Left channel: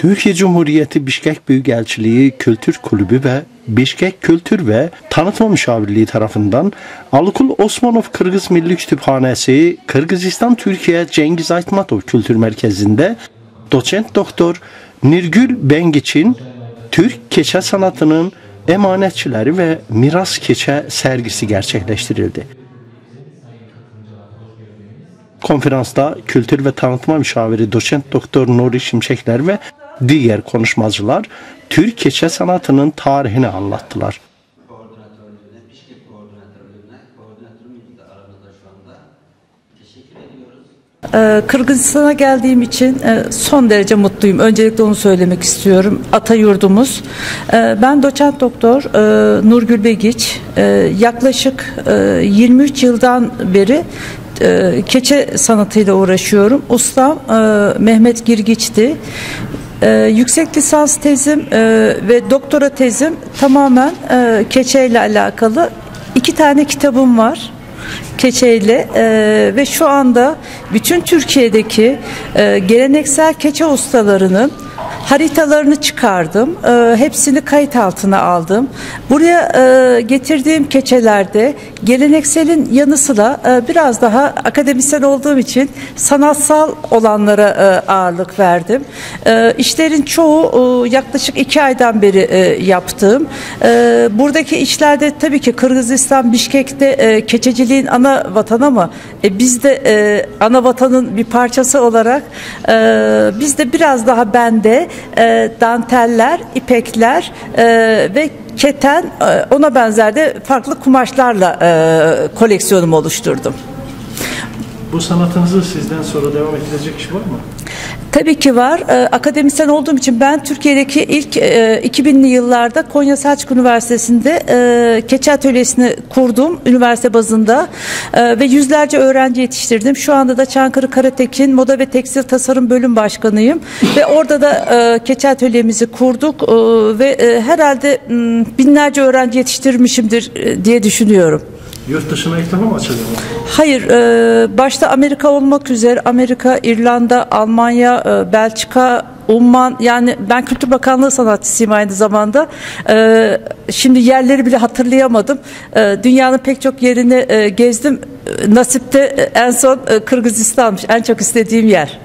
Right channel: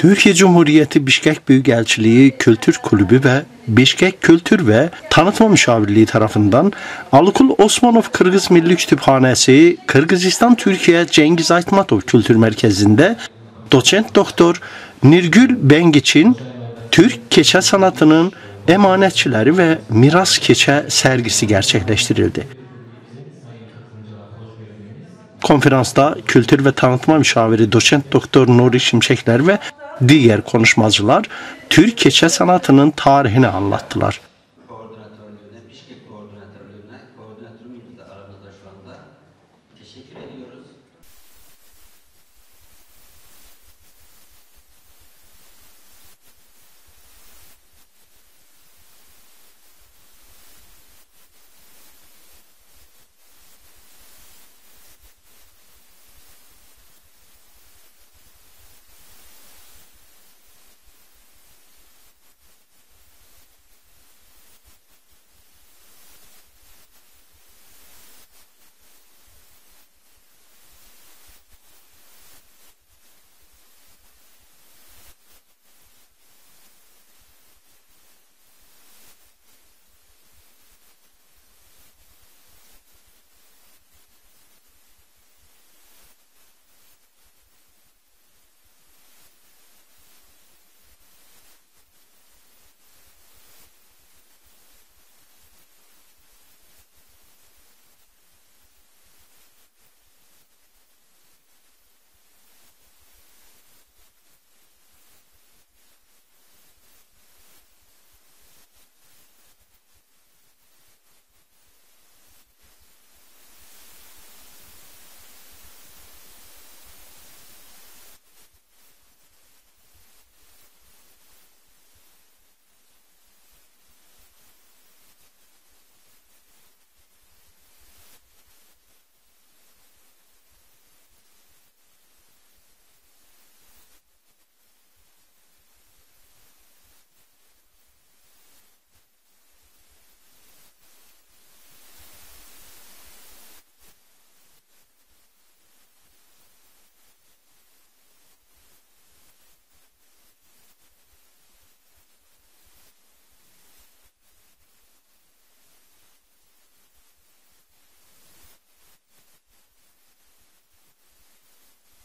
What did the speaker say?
Türkiye Cumhuriyeti Bişkek Büyükelçiliği Kültür Kulübü ve Bişkek Kültür ve Tanıtma Müşavirliği tarafından Alıkul Osmanov Kırgız Milli Kütüphanesi Kırgızistan Türkiye Cengiz Aytmatov Kültür Merkezi'nde doçent doktor Nirgül Bengiç'in Türk keçe sanatının emanetçileri ve miras keçe sergisi gerçekleştirildi. Konferansta Kültür ve Tanıtma Müşaviri Doçent Doktor Nuri Şimşekler ve diğer konuşmacılar Türk keçe sanatının tarihini anlattılar. Kırgızistan'a geldiğim için son derece mutluyum. Öncelikle onu söylemek istiyorum. Ata yurdumuz. Ben doçent doktor Nurgül Begiç. Yaklaşık 23 yıldan beri keçe sanatıyla uğraşıyorum. Ustam Mehmet Girgiç'ti. Yüksek lisans tezim ve doktora tezim tamamen keçe ile alakalı. 2 tane kitabım var keçeyle ve şu anda bütün Türkiye'deki geleneksel keçe ustalarının haritalarını çıkardım. Hepsini kayıt altına aldım. Buraya getirdiğim keçelerde gelenekselin yanı sıra biraz daha akademisyen olduğum için sanatsal olanlara ağırlık verdim. İşlerin çoğu yaklaşık 2 aydan beri yaptığım. Buradaki işlerde tabii ki Kırgızistan, Bişkek'te keçeciliğin ana vatanı ama biz de ana vatanın bir parçası olarak biz de biraz daha bende danteller, ipekler ve keten, ona benzer de farklı kumaşlarla koleksiyonumu oluşturdum. Bu sanatınızı sizden sonra devam ettirecek kişi var mı? Tabii ki var. Akademisyen olduğum için ben Türkiye'deki ilk 2000'li yıllarda Konya Selçuk Üniversitesi'nde keçe atölyesini kurdum üniversite bazında ve yüzlerce öğrenci yetiştirdim. Şu anda da Çankırı Karatekin Moda ve Tekstil Tasarım Bölüm Başkanıyım ve orada da keçe atölyemizi kurduk ve herhalde binlerce öğrenci yetiştirmişimdir diye düşünüyorum. Yurt dışına ilk defa mı açılıyor? Hayır, başta Amerika olmak üzere Amerika, İrlanda, Almanya, Belçika, Umman, yani ben Kültür Bakanlığı sanatçısıyım aynı zamanda. Şimdi yerleri bile hatırlayamadım. Dünyanın pek çok yerini gezdim. Nasipte en son Kırgızistan'mış en çok istediğim yer.